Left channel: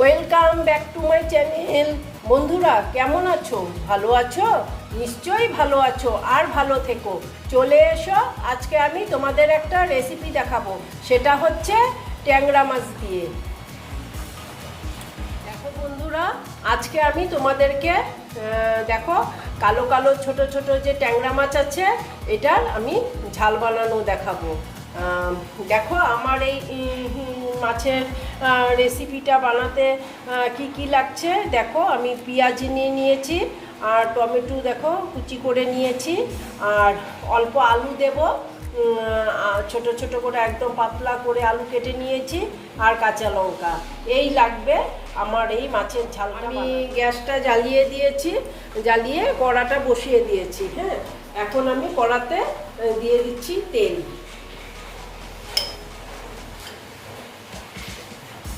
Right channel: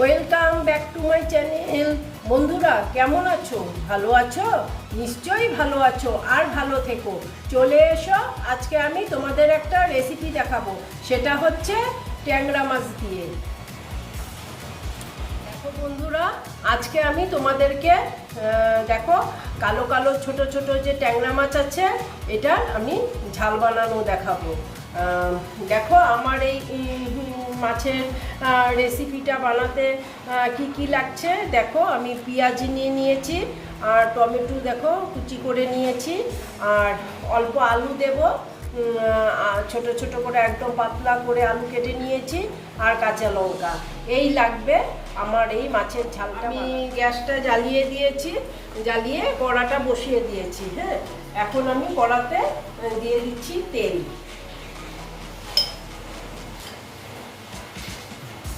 Welcome back to my channel বন্ধুরা, কেমন আছো? ভালো আছো? নিশ্চয়ই ভালো আছো আর ভালো থেকো। চলে এসো, আজকে আমি তোমাদের একটা রেসিপি দেখাবো। সেটা হচ্ছে ট্যাংরা মাছ দিয়ে। দেখো বন্ধুরা, আজকে আমি তোমাদেরকে দেখো, কালো কালো ছোট ছোট যে ট্যাংরা মাছ আছে, এটার আমি ঝাল বানানো দেখাবো। দেখো, আমার এই মাছের রেসিপিটা বানাতে কি কি লাগছে? দেখো আমি পেঁয়াজ নিয়ে নিয়েছি আর টমেটো দেখো কুচি করে নিয়েছি আর অল্প আলু দেবো ছোট ছোট করে একদম পাতলা করে আলু কেটে নিয়েছি আর কাঁচা লঙ্কা। এই লাগবে আমার এই মাছের ঝালটা আমি গ্যাসটা জ্বালিয়ে দিয়েছি জ্বালিয়ে কড়াটা বসিয়ে দিয়েছি হ্যাঁ? এখন আমি কড়াতে দিয়ে দিচ্ছি তেল।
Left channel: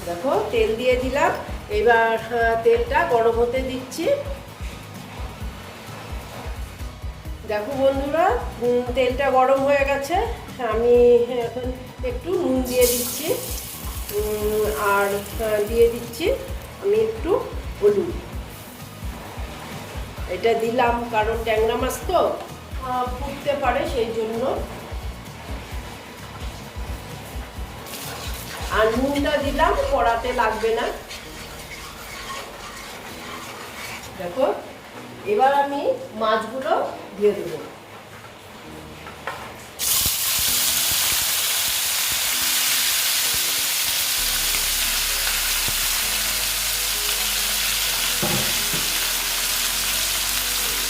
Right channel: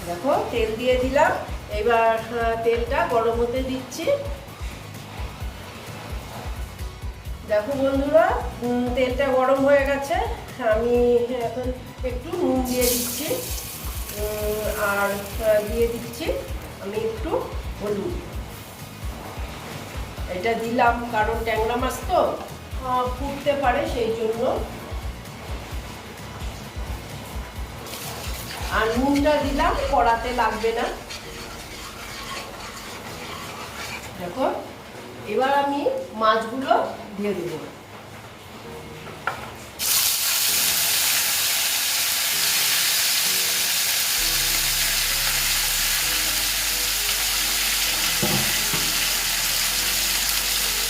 দেখো, তেল দিয়ে দিলাম। এবার তেলটা গরম হতে দিচ্ছি। দেখো বন্ধুরা তেলটা গরম হয়ে গেছে। আমি এখন একটু নুন দিয়ে দিচ্ছি। আর দিয়ে দিচ্ছি আমি একটু হলুদ। এটা দিলাম কারণ ট্যাংরা মাছ তো ফুটতে পারে সেই জন্য। আর দিলাম, কড়াতে লাগবে না। দেখো, এবার আমি মাছগুলো দিয়ে দেবো।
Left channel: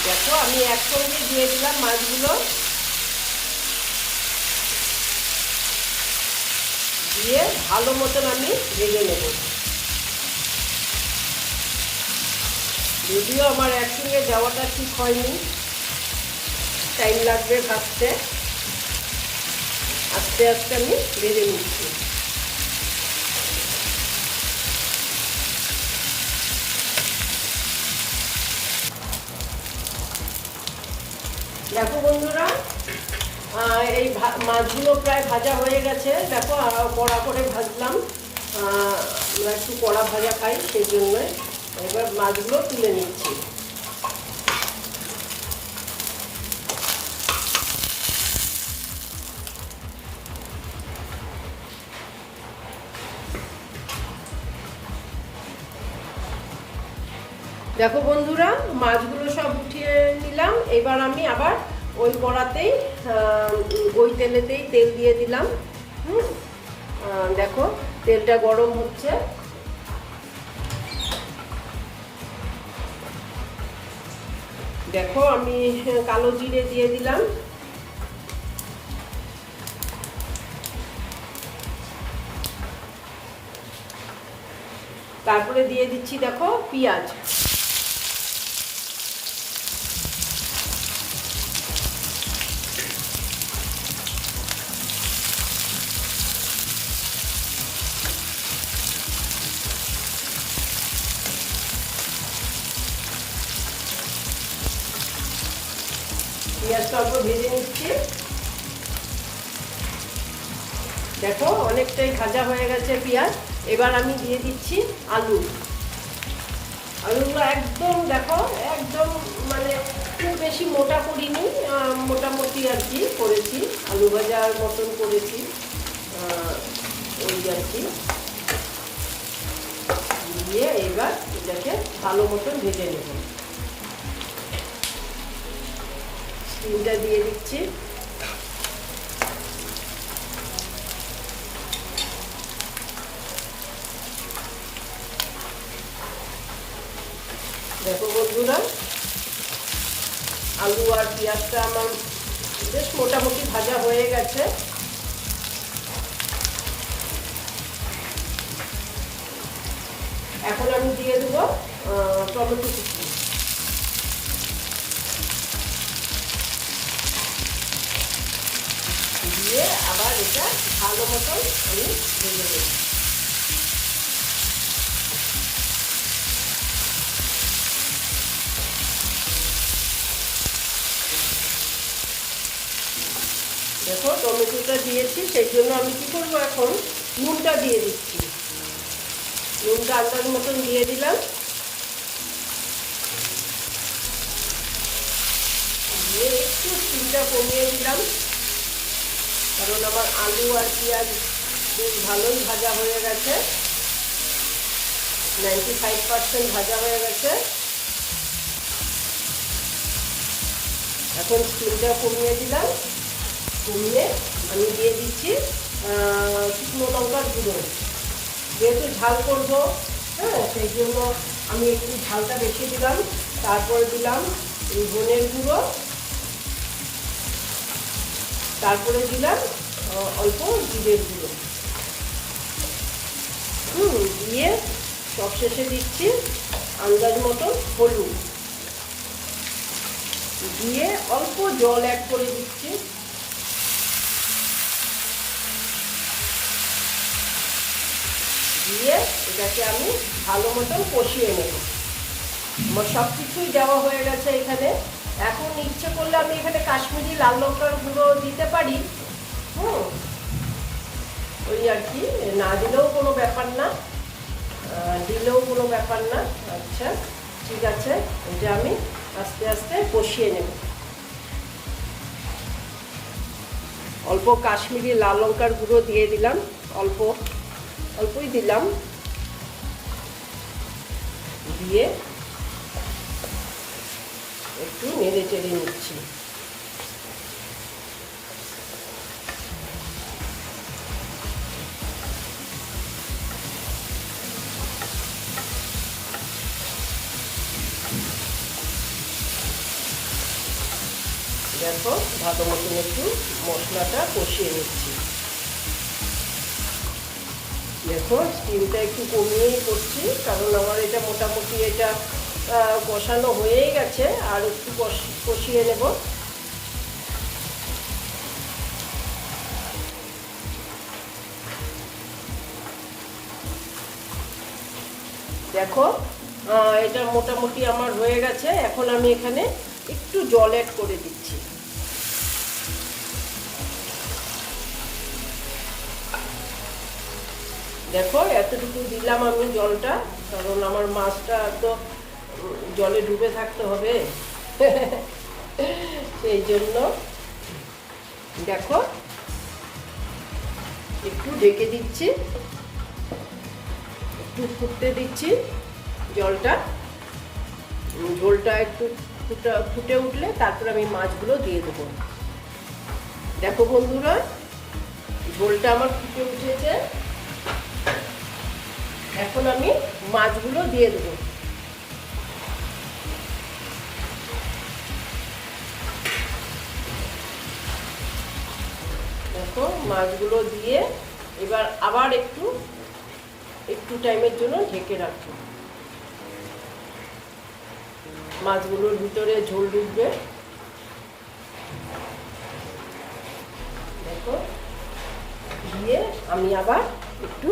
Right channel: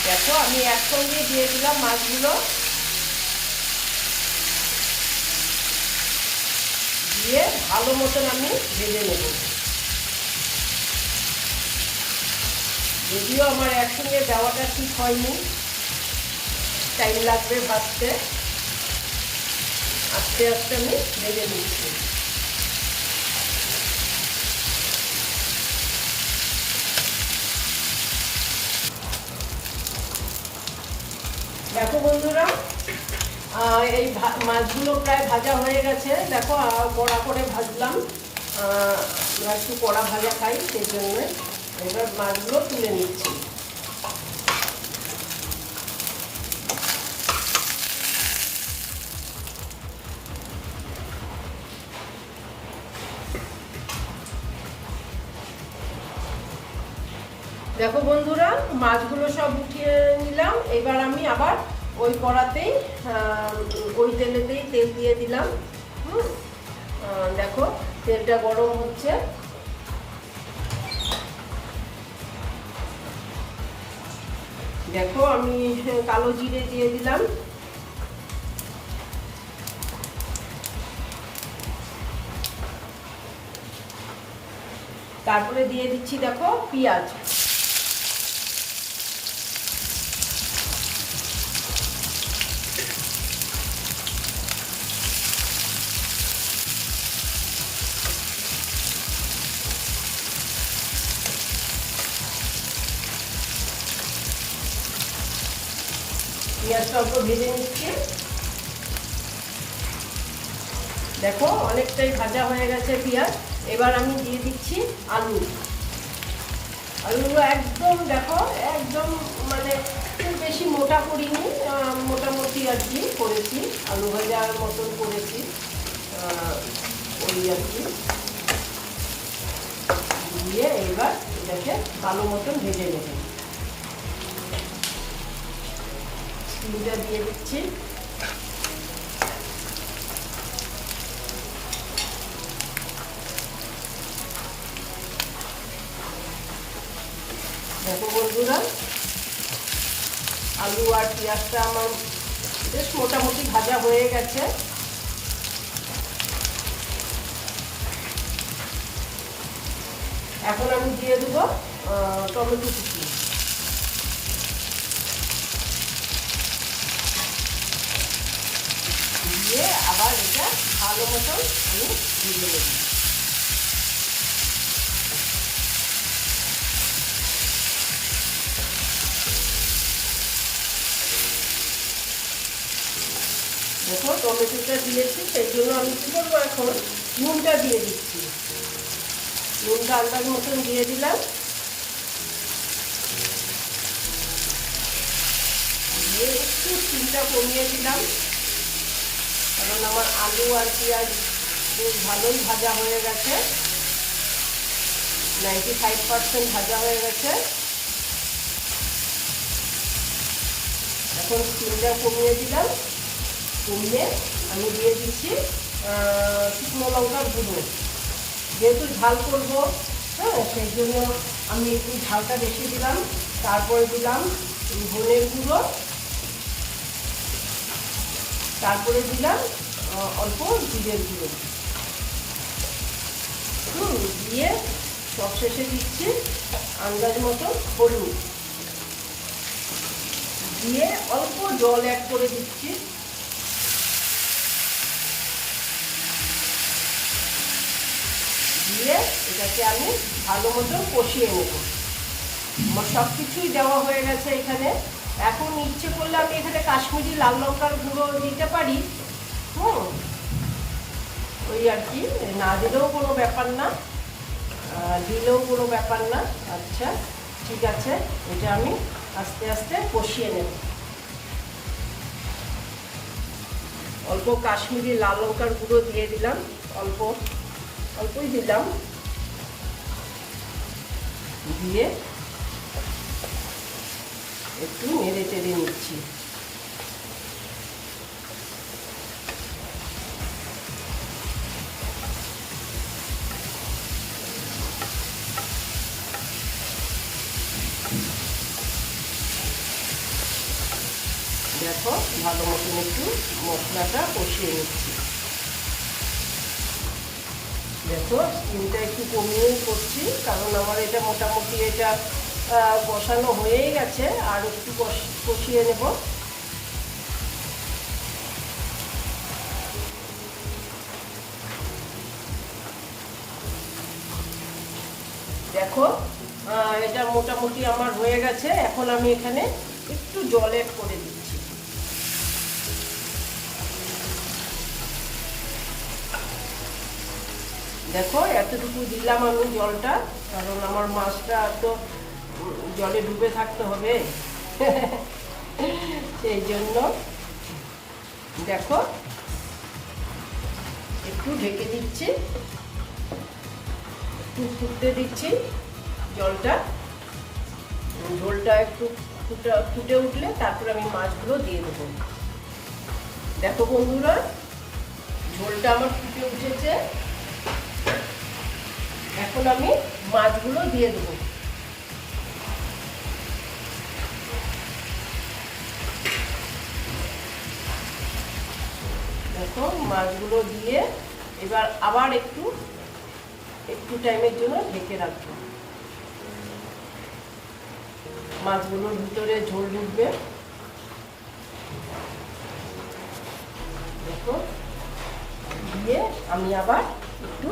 দেখো, আমি একসঙ্গে দিয়ে দিলাম মাছগুলো। দিয়ে ভালো মতন আমি ভেজে নেব। যদিও আমার একসঙ্গে দেওয়াটা ঠিক হয়নি টাইম লাগবে ভাবতে আস্তে আস্তে আমি ভেজে নিচ্ছি। এই মাছগুলো প্রায় ভাজা হয়ে গেছে। দেখো কড়া করে ভাজলাম। একটু কড়া ভাজা খাই সেই জন্য এবার মাছগুলো তুলে নিচ্ছি। দেখো বন্ধুরা, মাছগুলো সব উঠিয়ে নিলাম। এবার আমি আবার ওই কড়াতেই ওই তেলেতেই তেল দিয়ে দিলাম। দেখো, তেলটা গরম হচ্ছে। দেখো, আমি কালো জিরে দিয়ে দিলাম। তারপরে দিয়ে দিচ্ছি, দেখো, পেঁয়াজ। পেঁয়াজটা অল্প ভেজে নিচ্ছি। দেখো, অনেকটাই ভাজা হয়ে গেছে পেঁয়াজ। এবার আমি দিয়ে দিচ্ছি আলু। আলুগুলো একদম, দেখো, একদম মানে খুব বেশি মোটা করিনি মোটামুটি আর কি করেছি। আলু ভাজার মতন করেছি ওই আর কি। দিয়ে এবার এটাকে ভালো মতন ভেজে নেব। স্টিমটা দিয়ে দিচ্ছি। দেখো বন্ধুরা, আলু আর পেঁয়াজটা আমার বেশ মোটামুটি ভাজা হয়ে গেছে। এখন আমি দিয়ে দেবো টমেটো আবার এটা ভালো মতন আমি ভেজে দেবো দেখো, টমেটোটা দিয়েছি, সেই জন্য আমি কী করব এখন? নুনটা দিয়ে দিচ্ছি। নুনটা আন্দাজ মতন দিয়ে দিলাম। দিয়ে একটু চিনটা কমিয়ে দিলাম। কারণ আমার আলু আর পেঁয়াজ বেশ ভালোই ভাজা হয়ে গেছে। নাইনটি ফাইভ পার্সেন্ট ভাজা হয়ে গেছে। এখন স্টিমটা কমিয়ে দিলাম। কমিয়ে আমি দিয়ে দিচ্ছি শুকনো লঙ্কার গুঁড়ো। যেহেতু ঝাল করব হ্যাঁ সেই জন্য আমি একটু ঝালটা রেখে দিলাম। তারপরে দিলাম ধনের গুঁড়ো। তারপরে দিলাম অল্প জিরের গুঁড়ো। হুম, দিয়ে সবশেষে দিচ্ছি আন্দাজ মতো হলুদ। দিয়ে অল্প জল অ্যাড করে দিচ্ছি। দিয়ে এটাকে আমি ভালো মতন কষিয়ে নেব। আমার সব কিছুই দেওয়া হয়ে গেছে এখানে। এখন ইচ্ছে করলে আমি এখানে কাশ্মীরি লাল লঙ্কার গুঁড়ো দিতে পারি। হুম। ওই আর কি, না দিলেও কোনো ব্যাপার না। দিলেও কোনো ব্যাপার না। আচ্ছা ঠিক আছে, এটা আমি আস্তে আস্তে কষিয়ে নেব। অল্প কাশ্মীরি লাল লঙ্কার গুঁড়ো দিয়ে দিলাম, অল্প, অল্পই দিলাম। দিয়ে একটু নেড়ে চেড়ে নিচ্ছি দেখো ভালো মতন একটু মশলাটা কষিয়ে নিচ্ছি দেখো স্টিমটা একটু কমিয়েই করছি কারণ আমার এটা মোটামুটি এটা কষানো হয়েই গেছে, আর একটু কষ- কষিয়ে নেব। দেখো এটা মোটামুটি আমার হয়ে গেছে। এখন আমি এখানে একটু জল অ্যাড করে দিচ্ছি। দেখো, এতটুকু দিলাম আমি জলটা, কারণ আমার মাছটা তো জলে ডুবে থাকতে হবে। সেই জন্য দেখো, একটু ঢেকে দিচ্ছি। একটু ফুটতে দিচ্ছি জলটা। ঝোলটা একটু ফুটে ফুটে উঠলে তারপর আমি মাছগুলো দিয়ে দেবো। দেখো বন্ধুরা ঝোলটা আমার ফুটে উঠেছে। এখন আমি মাছগুলো দিয়ে দেবো। মাছগুলো দিয়ে এবার আবার একটু একটু টাইমের জন্য ঢেকে রাখব। মাছগুলোর ভিতরে ঝোল ঢুকবে। দিয়ে আমি আবার একটু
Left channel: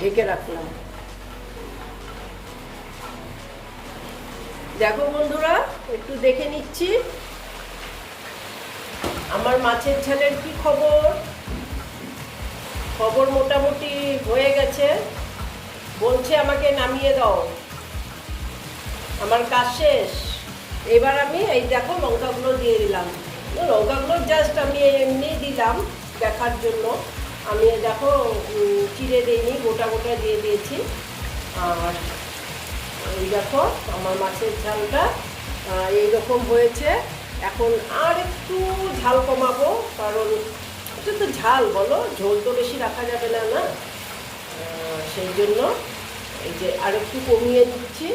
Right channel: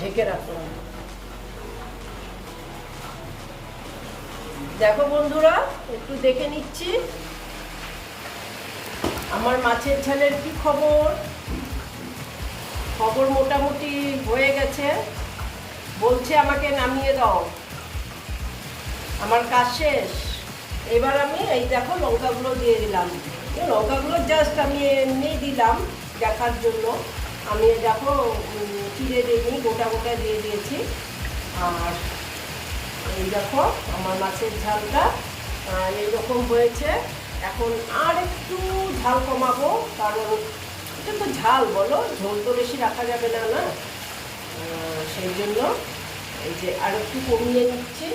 ঢেকে রাখব। দেখো বন্ধুরা, একটু দেখে নিচ্ছি। আমার মাছের ঝালের কি খবর? খবর মোটামুটি হয়ে গেছে। বলছে আমাকে নামিয়ে দাও। আমার কাজ শেষ। এবার আমি এই দেখো লঙ্কাগুলো দিয়ে দিলাম। লঙ্কাগুলো জাস্ট আমি এমনি দিলাম দেখার জন্য। আমি দেখো চিড়ে দিইনি, গোটা গোটা দিয়ে দিয়েছি। আর এই দেখো আমার মাছের ঝালটা এইরকম হয়েছে। এখন আর একটু ঝাল কমাবো, কারণ এটা তো ঝাল, বলো? ঝোল তো বেশি রাখা যাবে না না? সেই জন্য এই যে আর একটু কমিয়ে দিচ্ছি।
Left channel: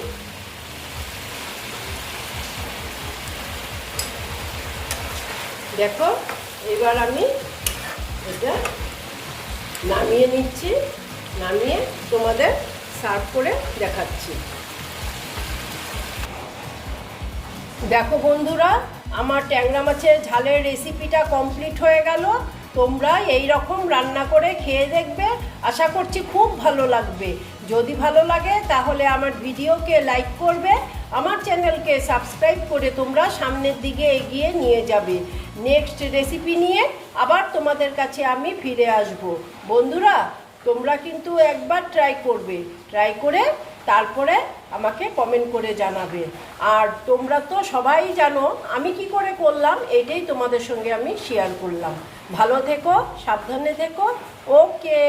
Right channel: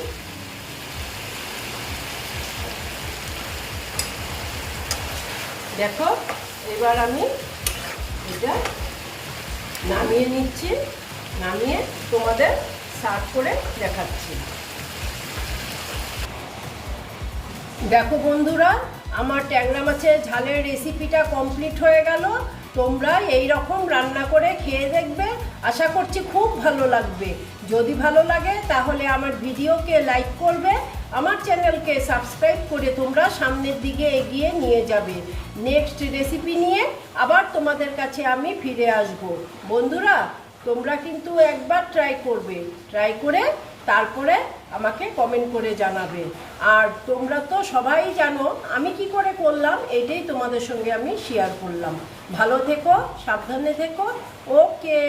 দেখো, এবার আমি এটা নামিয়ে নিচ্ছি, নামিয়ে তোমাদের সার্ভ করে দেখাচ্ছি। দেখো বন্ধুরা, আমার ট্যাংরা মাছের ঝালের রেসিপিটা কমপ্লিট হয়ে গেল। তোমরা এই রকম রান্না করে খেয়ে দেখবে। আশা করছি খুব ভালো লাগবে। যদি ভালো লাগে, তাহলে আমার ভিডিওকে লাইক করবে। আমার চ্যানেলকে সাবস্ক্রাইব করে তোমরা সামনের দিকে এগিয়ে নিয়ে যাবে। নেক্সট রেসিপি নিয়ে আবার তোমাদের কাছে আমি ফিরে আসব। বন্ধুরা, তোমরা কিন্তু একবার ট্রাই করবে। ট্রাই করে তারপরে আমাকে কমেন্ট করে জানাবে। আর তোমরা তো সবাই জানো, আমি কি করে করলাম, এটাই তোমাদের সঙ্গে আমি শেয়ার করলাম। ভালো থেকো, সাবধানে থেকো। ওকে